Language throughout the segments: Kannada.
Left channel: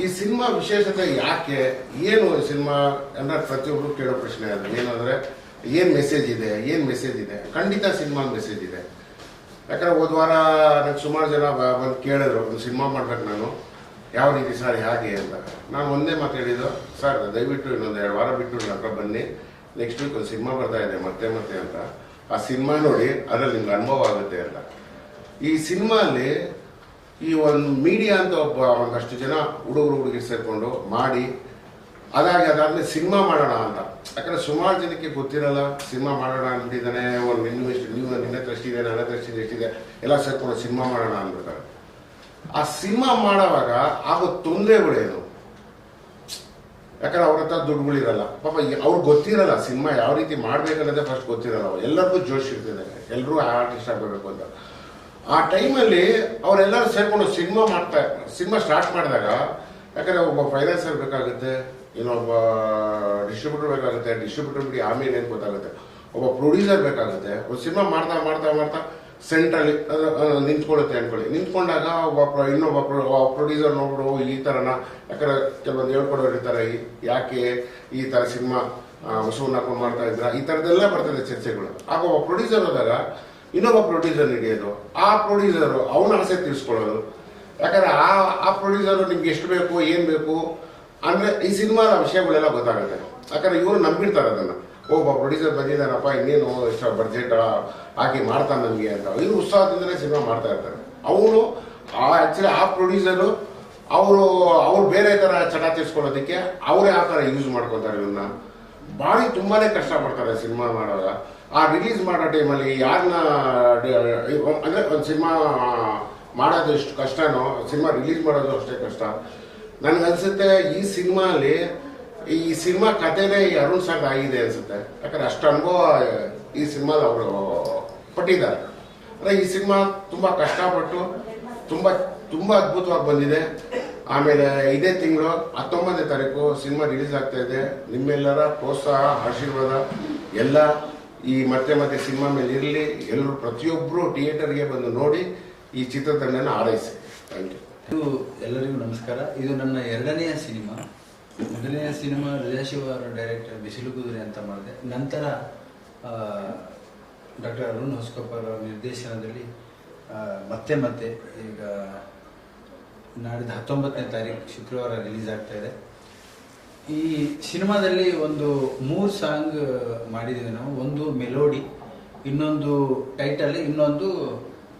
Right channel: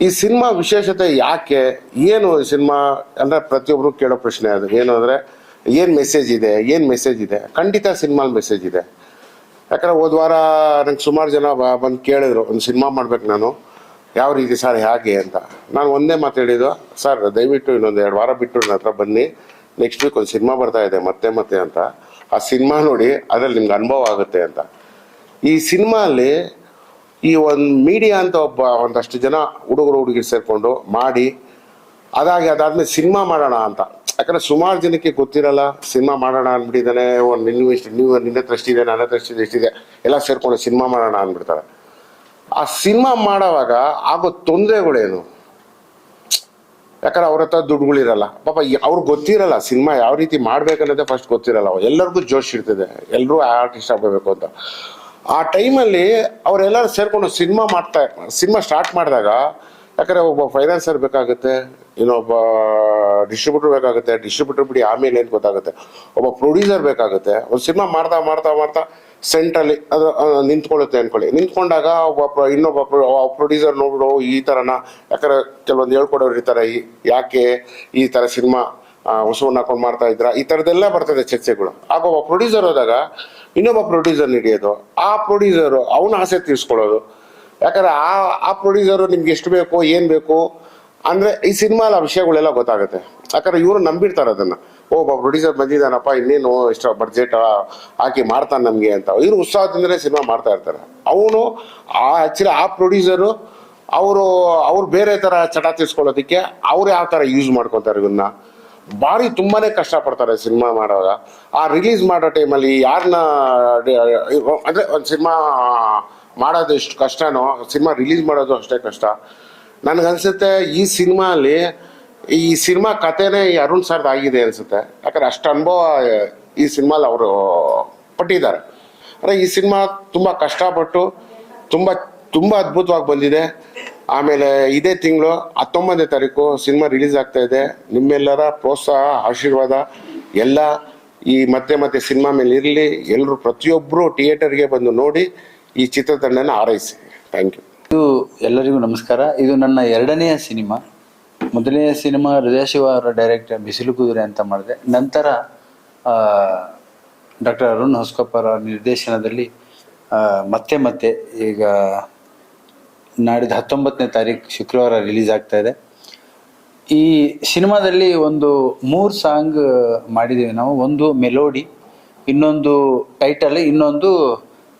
ಈ ಸಿನಿಮಾ ವಿಶೇಷತೆ ಯಾಕೆ? ಏನು ಸಿನಿಮಾ ಅಂದ್ರೆ ಪ್ರತಿಯೊಬ್ರು ಕೇಳೋ ಪ್ರಶ್ನೆ ಅದು. ಏನು ಅಂದ್ರೆ ಏನ್ ಮೆಸೇಜ್ ಇದೆ? ಏನ್ ಮೆಸೇಜ್ ಇದೆ? ಖಂಡಿತ ಸಿನಿಮಾ ಮೆಸೇಜ್ ಇದೆ. ಯಾಕಂದ್ರೆ ಹೋದ ವಾರ ನಂಗೆ ಸುಮಾರು ಜನ ಬಂದು ಕೇಳಿದ್ರು, ಒಂದು ಸಿನಿಮಾ ಮಾಡ್ಬೇಕು ನಾನು. ಯಾವ ರೀತಿ ಸರ್, ಹೇಗೆ ಅಂತ. ನಾನು ಒಂದೇ ಮಾತು ಹೇಳಿದ್ದು, ಸರ್, ದಯವಿಟ್ಟು ಇನ್ನೊಂದು ಎರಡು ವಾರ ಬಿಟ್ಟು ನನ್ನ ಹತ್ರ ಬನ್ನಿ. ನೆಕ್ಸ್ಟ್ ವೀಕ್ ಒಂದು ಸಿನಿಮಾ ಬರ್ತಾ ಇದೆ, ಮತ್ತೆ ಮತ್ತೆ ಅಂತ. ಆ ಸಿನಿಮಾ ನೋಡಿ ಅದ್ರಲ್ಲಿ ನಿಮ್ಗೆ ಅನುಭವ ಆಗುತ್ತೆ ಅಂತ. ಈ ಸಿನಿಮಾ ಅಲ್ಲಿ ಈ ಒಂದು ಮೀಡಿಯಾ ಅಂತ ಒಬ್ಬ ಒಂದಷ್ಟು ಜನ ಹುಡುಗರು ಹುಡುಗಿ ಸೇರ್ಕೊಂಡು ಮಾಡಿ, ಅದಾಗಿ ಅದಾದ್ಮೇಲೆ ಸಿನಿಮಾ ಮಾಡೋಣ ಅಂತ. ಯಾಕಂದ್ರೆ ಸುಮಾರು ಜನಕ್ಕೆ ಗೊತ್ತಿರಲ್ಲ, ಸಿನಿಮಾ ಮಾಡೋಣ ಅಂದ್ಬಿಟ್ಟಿದ್ದಾನೆ ಒಂದು ನಿನ್ನ ಇಷ್ಟು, ನೀವು ನಿನ್ನ ಇದೆ, ನನ್ನ ಎಷ್ಟಿದೆ ಎಷ್ಟಿದೆ ಎಲ್ಲ ಸೇರ್ಕೊಂಡು ಸಿನಿಮಾ ಮಾಡೋಣ ಅಂದ್ಬಿಡ್ತಾರೆ. ಆ ಸಿನಿಮಾ ಮಾಡೋವಾಗ ಆಗೋ ತೊಂದರೆಗಳೇನು? ಯಾಕಂದ್ರೆ ಅವ್ರ ಹತ್ರ ದುಡ್ಡುಗಳಿರಲ್ಲ. ಪಾಪ ಅವ್ರಿಗೆ ಗೊತ್ತಿರಲ್ಲ ಸಿನಿಮಾ ಯಾವ ರೀತಿ ಮಾಡ್ಬೇಕನ್ನೋದೇ ಫಸ್ಟ್ ಗೊತ್ತಿರಲ್ಲ. ಎಲ್ಲರಿಗೂ ಜೋಶ್ ಇರ್ತದೆ ಎಲ್ಲರೂ ಆರ್ಟಿಸ್ಟ್ ಆಗಬೇಕು ಅಂತ. ಆ ಟೈಮಲ್ಲಿ ಅವರೆಲ್ಲರೂ ಸೇರ್ಕೊಂಡು ಸಿನಿಮಾ ಮಾಡ್ತಾ ಸಿನಿಮಾ ಸ್ಟಾರ್ಟ್ ಮಾಡಿದಾಗ, ಯಾಕಂದ್ರೆ ಒಬ್ಬ ಫೈನಾನ್ಸರ್ ಬೇಕಾಗುತ್ತೆ, ಇನ್ನೊಬ್ಬ ಡಿಸ್ಟ್ರಿಬ್ಯೂಟರ್ ಬೇಕಾಗುತ್ತೆ ಡಿಸ್ಟ್ರಿಬ್ಯೂಟರ್ ಬಿಡಿ ಆಮೇಲೆ ಏನು ಗೊತ್ತಾಗುತ್ತೆ, ಒಬ್ಬ ಪ್ರೊಡ್ಯೂಸರ್ ಬೇಕಾಗುತ್ತೆ ಒಂದು ಸಿನಿಮಾ ಮಾಡ್ತಾ ಮಾಡ್ತಾ ಮಾಡ್ತಾ ಸೆಂಟ್ರಲ್ಲಿ ಅದು ನಿಂತ್ಕೊಳ್ಳುತ್ತೆ ಅನ್ಕೊಳ್ಳಿ. ನಿಂತ್ಕೊಂಡಾಗ ಒಬ್ಬ ಇನ್ನೊಬ್ಬ ಪ್ರೊಡ್ಯೂಸರ್ ನೋಡ್ಬಿಡು, ಈ ಥರನ ಯಾಕಂದ್ರೆ ಕೆಲವೊಂದು ಹೇಳ್ಕೊಡೋರು ಇರ್ತಾರೆ, ಈ- ಯಾಕೆ ಈ ತರ ಸಿನಿಮಾ ಹೊಸವನ್ನ ಹಾಕೊಂಡು ಮಾಡ್ತಾ ಇದ್ರ ಈ ಥರದ್ದೆಲ್ಲ ಬರ್ತದೆ ಚರ್ಚೆಗಳು. ಆಗ ಒಬ್ಬ ಪ್ರೊಡ್ಯೂಸರ್ ಹೋದಾಗ ಇನ್ನೊಬ್ಬ ಪ್ರೊಡ್ಯೂಸರ್ ಹಿಡಿಯೋದು ಆ ಪ್ರೊಡ್ಯೂಸರ್ ಅವನ ಆಸೆ ತೀರಿಸ್ಕೊಳ್ಳೋದು. ಯಾಕಂದ್ರೆ ಆ ಆ ಪ್ರೊಡ್ಯೂಸರ್ ನಿಮ್ಗೆ ಎಷ್ಟು ಬೇಕು, ಏನ್ ಬೇಕು ಅಂದ್ರೆ ಈ ಸಿನಿಮಾದ ವಿಷಯಗಳೆಲ್ಲ ಗೊತ್ತಾಗುತ್ತೆ. ಯಾಕಂದ್ರೆ ಇವರು ನಂಬಿರ್ತಾರೆ ಅದನ್ನ. ಒಬ್ಬ ಪ್ರೊಡ್ಯೂಸರ್ ಬಂದಿದ್ದಾನಪ್ಪ, ಇನ್ನೇನು ಇಷ್ಟ ಬಡ್ಜೆಟ್ ಹಾಕಿ ಮಾಡ್ತಾನೆ ನಮ್ಗೆ ಅಂತ. ಇವ್ರು ಉತ್ಸಾಹದಿಂದಲೇ ಸಿನಿಮಾ ಮಾಡ್ತಾ ಇರ್ತಾರೆ. ಅವನು ಆಕ್ಚುಲಿ ಆ ಪ್ರೊಡ್ಯೂಸರು ಅವರು, ಅವ್ರು ಬೇರೆ ತರ ಚಟ ತೀರ್ಸ್ಕೊಳ್ಳೋದಕ್ಕೆ ಅವ್ರು ಯಾವ ತರ ಯೂಸ್ ಮಾಡ್ಕೋತಾರೆ ಇದನ್ನ ಭಾರಿ ತುಂಬಾನೇ ಕಷ್ಟ ಪಡ್ತಾರೆ ಸಿನಿಮಾ ಮಾಡುವಾಗ ಆ ರಿಲೀಸ್ ಮಾಡೋ ಟೈಮಲ್ಲಿ ಯಾರನ್ನ ಅಂದ್ರೆ ಒಂದು ಸಿನಿಮಾ ಮಾಡೋದು ಎಷ್ಟು ಕಷ್ಟನೋ, ಸಿನಿಮಾ ರಿಲೀಸ್ ಮಾಡೋದು ಅಷ್ಟೇ ಕಷ್ಟ. ನನ್ಗನ್ಸುತ್ತೆ ಈ ಸಿನಿಮಾ ಈ ಸಿನಿಮಾ ಕಥೆನೇ ಈ ಅರುಣ್ ಸರ್ ಆಗಿದೆ ಅನ್ಸುತ್ತೆ. ಯಾಕಂದ್ರೆ ಅಷ್ಟು ಅನುಭವ ಈ ಸಿನಿಮಾಲ್ ಅವರು ಪಟ್ಟಿದ್ದಾರೆ ಅಂದ್ರೆ ಈ ಸಿನಿಮಾ ತುಂಬಾ ಕಷ್ಟಪಟ್ಟು, ತುಂಬಾ ತುಂಬಾ ಅದ್ಭುತವಾಗಿ ಬಂದಿದೆ. ಆಮೇಲೆ ಇದೇ ತಿಂಗಳು ಹತ್ತೊಂಬತ್ತನೇ ತಾರೀಕು ಸಿನಿಮಾ ರಿಲೀಸ್ ಆಗ್ತಾ ಇದೆ. ನಿಮ್ಮೆಲ್ಲರ ಪ್ರೋತ್ಸಾಹ, ಆಶೀರ್ವಾದ, ಎಲ್ಲ ಈ ಮತ್ತೆ ಮತ್ತೆ ಸಿನಿಮಾ ಮೇಲೆ ಇರಲಿ. ಎಲ್ಲರೂ ಪ್ರತಿಯೊಬ್ಬರು ಥಿಯೇಟರ್ಗೆ ಬಂದು ನೋಡಿ ಈ ಚಿತ್ರತಂಡನ ಹಾರೈಸಿ. Thank you. ಇದು ಎಲ್ಲರಿಗೂ ನಮಸ್ಕಾರ. ಇದು ನನ್ನ ಎರಡನೆಯ ಸಿನಿಮಾ. ಮೊದಲನೆಯ ಸಿನಿಮಾ ಹೃದಯ ಶಿವ ಅವರ ಡೈರೆಕ್ಟರ್ ಬಿಸಿಲು ಕುದುರೆ ಅಂತ ಮಾಡಿದೆ. ನಂತರ ಡಾಕ್ಟರ್ ಅರುಣ್ ಹೊಸ್ಕೊಪ್ಪರ ನಿರ್ದೇಶನದಲ್ಲಿ ಮತ್ತೆ ಮತ್ತೆ ಈಗ ನಾಡಿದ ಹತ್ತೊಂಬತ್ತನೇ ತಾರೀಕು ಶುಕ್ರವಾರ ರಿಲೀಸ್ ಆಗ್ತಾ ಇದೆ. ಈ ಸಿನಿಮಾದಲ್ಲಿ ಒಂದು ಮೂರು ಸಾಂಗ್ ಮಾಡಿದ್ದೀವಿ ನಾವು. ಒಂದು ಮೆಲೋಡಿ, ಇನ್ನೊಂದು ಟೈಟಲ್, ಇನ್ನೊಂದು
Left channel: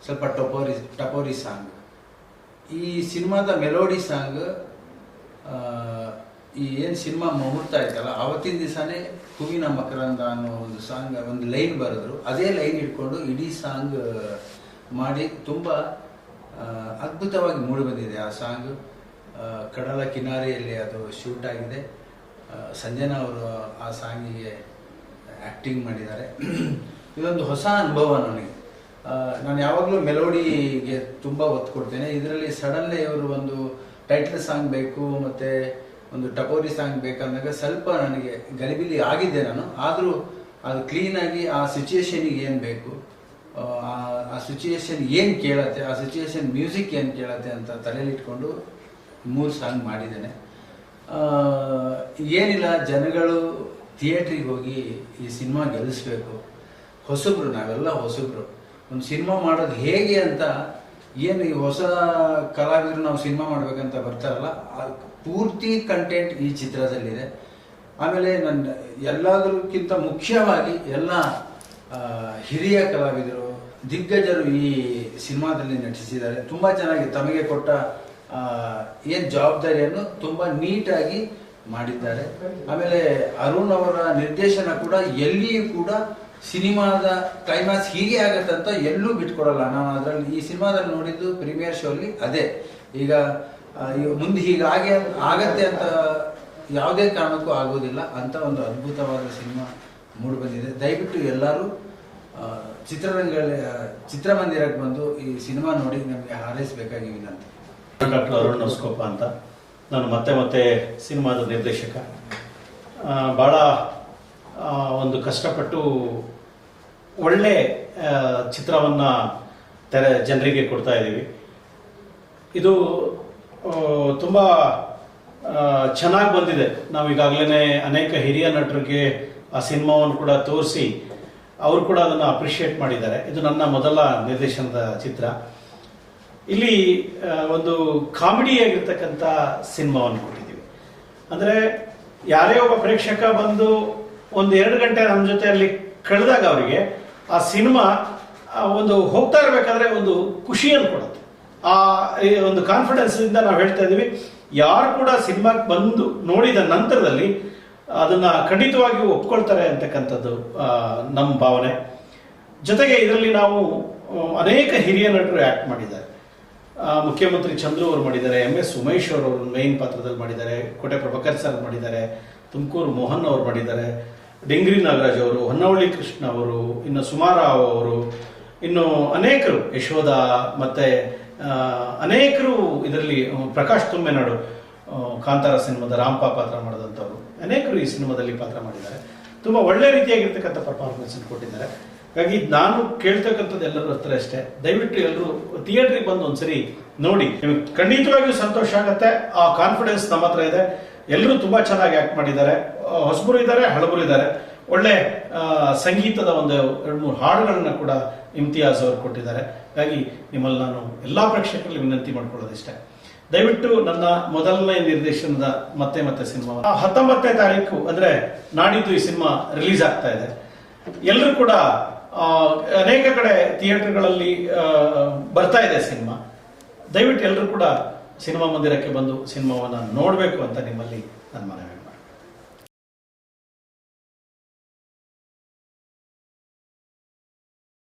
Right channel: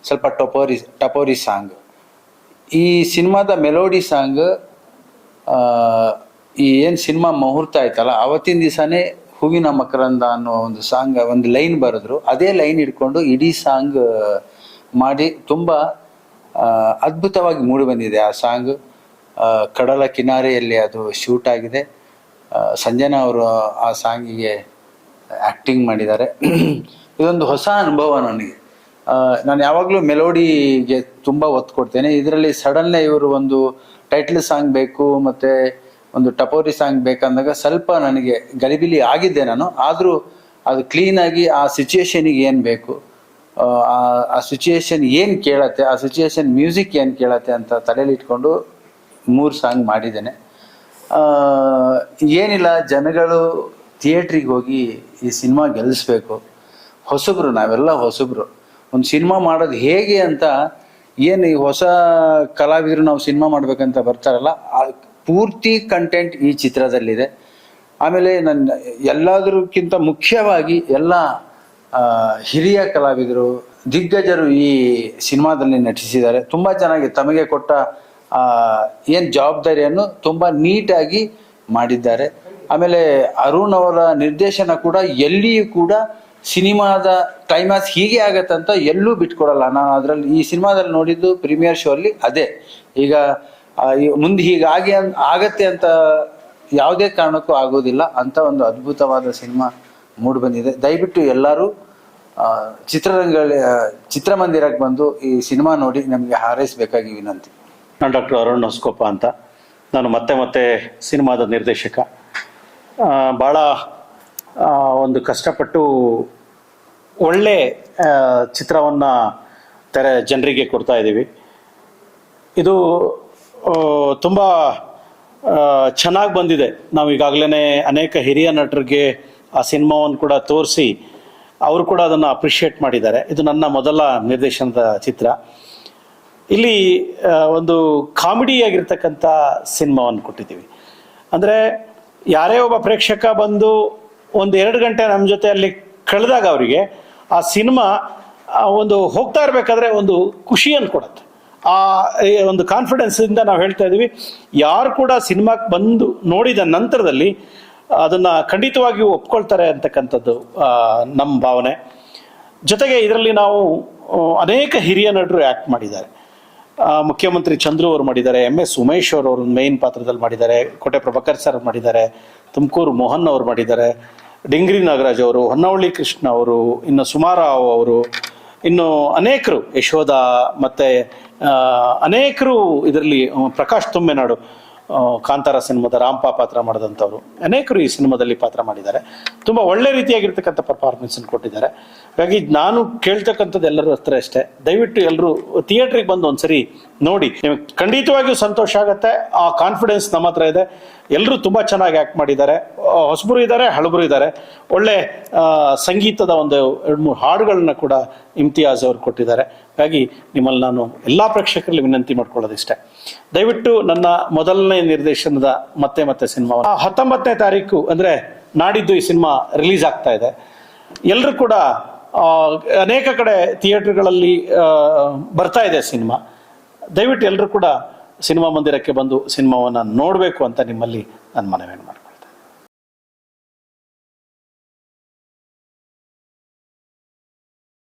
ಸ್ವಲ್ಪ ಟಪೋರಿ ಟಪೋರಿ ಸಾಂಗ್. ಈ ಸಿನಿಮಾದ ಮೆಲೋಡಿ ಸಾಂಗ್ ಈ ಏನು ಸಿನಿಮಾ ಮುಹೂರ್ತ ಆಯ್ತಲ್ಲ, ಅವತ್ತಿನ ದಿವಸನೇ ಹೂವಿನ ಮಕರಂದ ಅನ್ನೋ ಒಂದು ಸಾಂಗ್, ಒಂದು ಲೈನ್ ಬರೆದ್ರು. ಅದೇ ಲೈನ್ ಇಟ್ಕೊಂಡು ಇಡೀ ಸಾಂಗ್ ಮಾಡಿ ತುಂಬ ಅದ್ಭುತವಾಗಿ ಮೂಡಿ ಬಂದಿದೆ. ಆ ಸಾಂಗ್ ಕಡಲ ಕಿನಾರೆಯಲ್ಲಿ ಅದು ಶೂಟ್ ಆಗಿದೆ. ಸಂಜನಾ ಅವರು ಆ ಸಾಂಗಿಗೆ ಆ್ಯಕ್ಟಿಂಗ್ ಮಾಡಿದ್ದಾರೆ. ಇದೊಂದು ಹೊಸ ಅನುಭವ ನನಗೆ. ನಾನು ಯಾವಾಗಲೂ ಮೆಲೋಡಿಗೆ ತುಂಬ ಒತ್ತು ಕೊಡ್ತೇನೆ. ಇದರಲ್ಲಿ ಸಡನ್ನೇ ಇವರು ಒಂದು ಟೈಟ್ಲ್ ಸಾಂಗ್ ಬೇಕು, ಮತ್ತು ಒಂದು ಟಪೋರಿ ಸಾಂಗ್ ಬೇಕಂದಾಗ ಸ್ವಲ್ಪ ನನಗೆ ಗಲಿಬಿಲಿ ಆಗಿದ್ದೆ ನಾನು. ಆದರೂ ಅದು ಕ್ಲೀನಾಗಿ ಆ ಸಿಚುಯೇಷನಿಗೆ ಏನು ಬೇಕು ಆ, ಸಿಚುಯೇಷನ್ ಏನು ಕೇಳತ್ತೆ ಆ ಸಿಚುಯೇಷನ್ ಮ್ಯೂಸಿಕ್ ಏನು ಕೇಳತ್ತೆ ಅಂತ ತಲೆಯಲ್ಲಿ ಇಟ್ಕೊಂಡು ಮೂರು ಸಾಂಗ್ ಮಾಡಿದ್ದೇನೆ. ಏನಿಲ್ಲ ಜನಗಳು ಥಿಯೇಟ್ರಿಗೆ ಹೋಗಿ ಈ ಸಿನಿಮಾ ಗೆಲ್ಲಿಸ್ಬೇಕು ಹೊಸಬ್ರು ನಾವೆಲ್ಲ ಹೊಸಬ್ರು. ಒಂದು ಸಿನಿಮಾ ಮಾಡೋದು ಹೇಗೆ ಅಂತ ಏನು ಈ ಹೊಸ ಕಲಾವಿದರು ನಾವು ಸಿನಿಮಾ ಮಾಡಬೇಕಂತ ಬರ್ತಾರಲ್ಲ ಆ ಪೂರ್ತಿ ಕಂಟೆಂಟ್ ಈ ಚಿತ್ರದಲ್ಲಿದೆ. ಆಮೇಲೆ ನನ್ನ ಎಲ್ಲದಕ್ಕಿಂತ ಮುಖ್ಯವಾಗಿ ಎಲ್ಲ ಹಿರಿಯ ಕಲಾವಿದರು, ದಿಗ್ಗಜರು ಈ ಸಿನಿಮಾದಲ್ಲಿ ನಟಿಸಿದ್ದಾರೆ. ತುಂಬ ಚೆನ್ನಾಗಿ ತಮಗೆ ಕೊಟ್ಟ ಏನು ಜವಾಬ್ದಾರಿಯನ್ನು ತುಂಬ ನೀಟಾಗಿ ಮಾಡಿದ್ದಾರೆ. ಆಮೇಲೆ ಅರುಣ್ ಅವರ ನಿರ್ದೇಶನ ಕೂಡ ಎಲ್ಲಿಯೂ ಕೂಡ ಸಿನಿಮಾದ ಕ್ಲೈಮ್ಯಾಕ್ಸ್ ಹೀಗೆ ಆಗತ್ತಂತ ಎಲ್ಲೂ ಬಿಟ್ಕೊಡಲ್ಲ. ನಾನು ಅದರಲ್ಲಿ ಈ ಸಿನಿಮಾದಲ್ಲಿ ನೋಡಿದ್ದು ಪ್ರೀಮಿಯರ್ ಶೋ ಅಲ್ಲಿ ಅದೇ. ಈಗ ಮುಂದೆ ಹೀಗಾಗಿ ಆಗತ್ತೆ ಅಂತ ಯಾವುದೇ ಕಾರಣಕ್ಕೂ ಆಗೋದಿಲ್ಲ. ಅಂತ ಒಂದು ಅದ್ಭುತವಾದ ಸಿನಿಮಾ ಮೂಡಿ ಬಂದಿದೆ. ದಯವಿಟ್ಟು ಎಲ್ಲರೂ ಆ, ಚಿತ್ರರಂಗ ಚಿತ್ರಮಂದಿರಕ್ಕೆ ಬಂದು ಈ ಸಿನಿಮಾ ನೋಡಿ ನಮಗೆ ಹಾರೈಸಬೇಕಾಗಿ ವಿನಂತಿ. ನಾನು ಡಾಕ್ಟರ್ ಅರುಣ್ ಹೊಸ್ಕೊಪ್ಪ ಅಂತ. ನಾನು ಮತ್ತೆ ಮತ್ತೆ ಸಿನಿಮಾದ ನಿರ್ದೇಶಕ. ಬಹಳ ಒಂದು ಕಷ್ಟಪಟ್ಟು ಒಳ್ಳೆ ಚಿತ್ರವನ್ನು ತೆರೆ ಜನರಿಗೆ ಕೊಡ್ತಾ ಇದ್ದೀವಿ. ಇದು ತುಂಬ ಚೆನ್ನಾಗಿ ಬಂದಿದೆ. ನಾವು ಈಗಾಗಲೇ ಅನೇಕ ಹಿರಿಯ ನಟರಿಗೆ ಆ ಸಿನಿಮಾವನ್ನು ಕೂಡ ತೋರಿಸಿ ಅವರು ಕೂಡ ಅದನ್ನು ಅಪ್ರಿಷಿಯೇಟ್ ಮಾಡಿದ್ದಾರೆ. ಇದು ನನ್ನ ಮೊದಲ ನಿರ್ದೇಶನದ ಚಿತ್ರ. ಇಲ್ಲಿ ಒಂದು ಕಾಮಿಡಿ ಆಗಿರ್ತಕ್ಕಂಥ ಸಿನಿಮಾವನ್ನು ಕೊಟ್ಟಿದ್ದೀವಿ. ಅಂದ್ರೆ, ಯಾರೇ ಒಬ್ಬ ಪ್ರೇಕ್ಷಕ ಬಂದು ಒಂದು ಎರಡು ಗಂಟೆ ನಮ್ಮ ಜೊತೆ ಅಲ್ಲಿ ಕಳೆದಾಗ ಅವರಿಗೆ, ಆ ಸಿನಿಮಾ ಒಂದು ಹೋಗ್ತಾ ಇರಬೇಕಾದ್ರೆ ಒಂದು ಖುಷಿಯನ್ನು ಕೊಡುತ್ತೆ. ಆ ಒಂದು ಕಾನ್ಫಿಡೆನ್ಸ್ ಇಂದ ನಾವು ಹೇಳ್ತಾ ಇದೀವಿ ಯಾರು ಕೂಡ ಸಿನಿಮಾಕ್ಕೆ ಬಂದು ನೋಡಿದ ನಂತರದಲ್ಲಿ ಅದನ್ನ ಖಂಡಿತವಾಗಿಯೂ ಒಪ್ಕೊಳ್ತಾರೆ ಅಂತಕ್ಕಂಥದ್ದು ನಮ್ಮ ಭಾವನೆ. ಜೊತೆಗೆ ಇದರಲ್ಲಿ ನಾವು ಅನೇಕ ಹಿರಿಯ ನಟರು ಆಕ್ಟ್ ಮಾಡಿದ್ದಾರೆ. ಮುಖ್ಯಮಂತ್ರಿ ಚಂದ್ರು ಅವರು ಮಾಡಿದ್ದಾರೆ, ಎಂ ಎಸ್ ಉಮೇಶ್ ಅವರು ಮೇನ್ ಪಾತ್ರದಲ್ಲಿ ಮಾಡಿದ್ದಾರೆ, ಕೋಟೆ ಪ್ರಭಾಕರ್ ಸರ್ ಮಾಡಿದ್ದಾರೆ, ತುಮಕೂರು ಮೋಹನ್ ಅವರು ಮಾಡಿದ್ದಾರೆ, ಡಿಂಗ್ರಿ ನಾಗರಾಜ್ ಅವರು, ಹೊನ್ನವಳ್ಳಿ ಕೃಷ್ಣ ಅವರು, ಇನ್ನು ಸುಮಾರಾವ್ ಅವರು, ಇನ್ನು ಅನೇಕರು, ಯಶೋಧ ಮತ್ತೆ ಅನೇಕರು ಇದರಲ್ಲಿ ಪ್ರಕಾಶ್ ತೊಮ್ಮೆನಾಡು ಕಾಂತಾರ ಸಿನಿಮಾದ ರಾಂಪಾ ಪಾತ್ರ ಮಾಡಿದಂಥವ್ರು. ಅನೇಕರು ಈ ಸಿನಿಮಾದಲ್ಲಿ ಪಾತ್ರ ಮಾಡಿದ್ದಾರೆ. ತುಂಬ ಒಳ್ಳೆ ರೀತಿಯಾಗಿರ್ತಕ್ಕಂಥ ಪರ್ಫಾರ್ಮೆನ್ಸ್ ಕೊಟ್ಟಿದ್ದಾರೆ. ಹಾಗಾಗಿ ನಾನು ಕೇಳ್ತಕ್ಕಂಥದ್ದು ಎಲ್ಲರೂ ಹತ್ರ ಅಷ್ಟೇ. ದಯವಿಟ್ಟು ಎಲ್ಲರೂ ಥಿಯೇಟ್ರಿಗೆ ಬಂದು ಒಂದ್ಸರಿ ನೋಡಿ. ನಿಮ್ಗೆ ಖಂಡಿತವಾಗಿಯೂ ಸಂತೋಷ ಆಗುತ್ತೆ. ಆ ಕಾನ್ಫಿಡೆನ್ಸ್ ನಮ್ಮ ಹತ್ರ ಇದೆ. ಎಲ್ಲರೂ ತುಂಬಾ ಚೆನ್ನಾಗಿ ಆಕ್ಟ್ ಮಾಡಿದ್ದಾರೆ. ಹೊಸಬರು ಇದ್ದಾರೆ, ಹಳಬರು ಇದ್ದಾರೆ. ಒಳ್ಳೆ ಸಂಗೀತದ ಒಂದು ಎರಡು ಮೂರು ಹಾಡುಗಳನ್ನ ಕೂಡ ಇಮ್ತಿಯಾಜ್ ಅವರು ಕೊಟ್ಟಿದ್ದಾರೆ. ಹಾಗಾಗಿ ನಿಮ್ಮಲ್ಲಿ ನಾನು ಎಲ್ಲಾ ಪ್ರೇಕ್ಷಕರಲ್ಲಿ ವಿನಂತಿ ಮಾಡ್ಕೊಳ್ಳೋದಿಷ್ಟೇ. ದಯವಿಟ್ಟು ನನ್ನ ಮೊದಲನೇ ನಿರ್ದೇಶನದ ಮತ್ತೆ ಮತ್ತೆ ಸಿನಿಮಾ. ಹತ್ತೊಂಬತ್ತನೇ ತಾರೀಕು ಅಂದ್ರೆ ನಾಡಿದ್ದು ಈ ಸಿನಿಮಾ ರಿಲೀಸ್ ಆಗ್ತಾ ಇದೆ. ಎಲ್ಲರೂ ಕೂಡ ಅನೇಕ ಕಡೆ ಥಿಯೇಟರ್ಗಳಲ್ಲಿ ಬರ್ತಾ ಇದೆ ಸಿನಿಮಾ. ದಯವಿಟ್ಟು ಎಲ್ಲರೂ ಕೂಡ ಸಿನಿಮಾ ಮಂದಿರಕ್ಕೆ ಬಂದು ಸಿನಿಮಾವನ್ನು ನೋಡಬೇಕು ಅಂತ ನಿಮ್ಮಲ್ಲಿ ನಾನು ಮನವಿ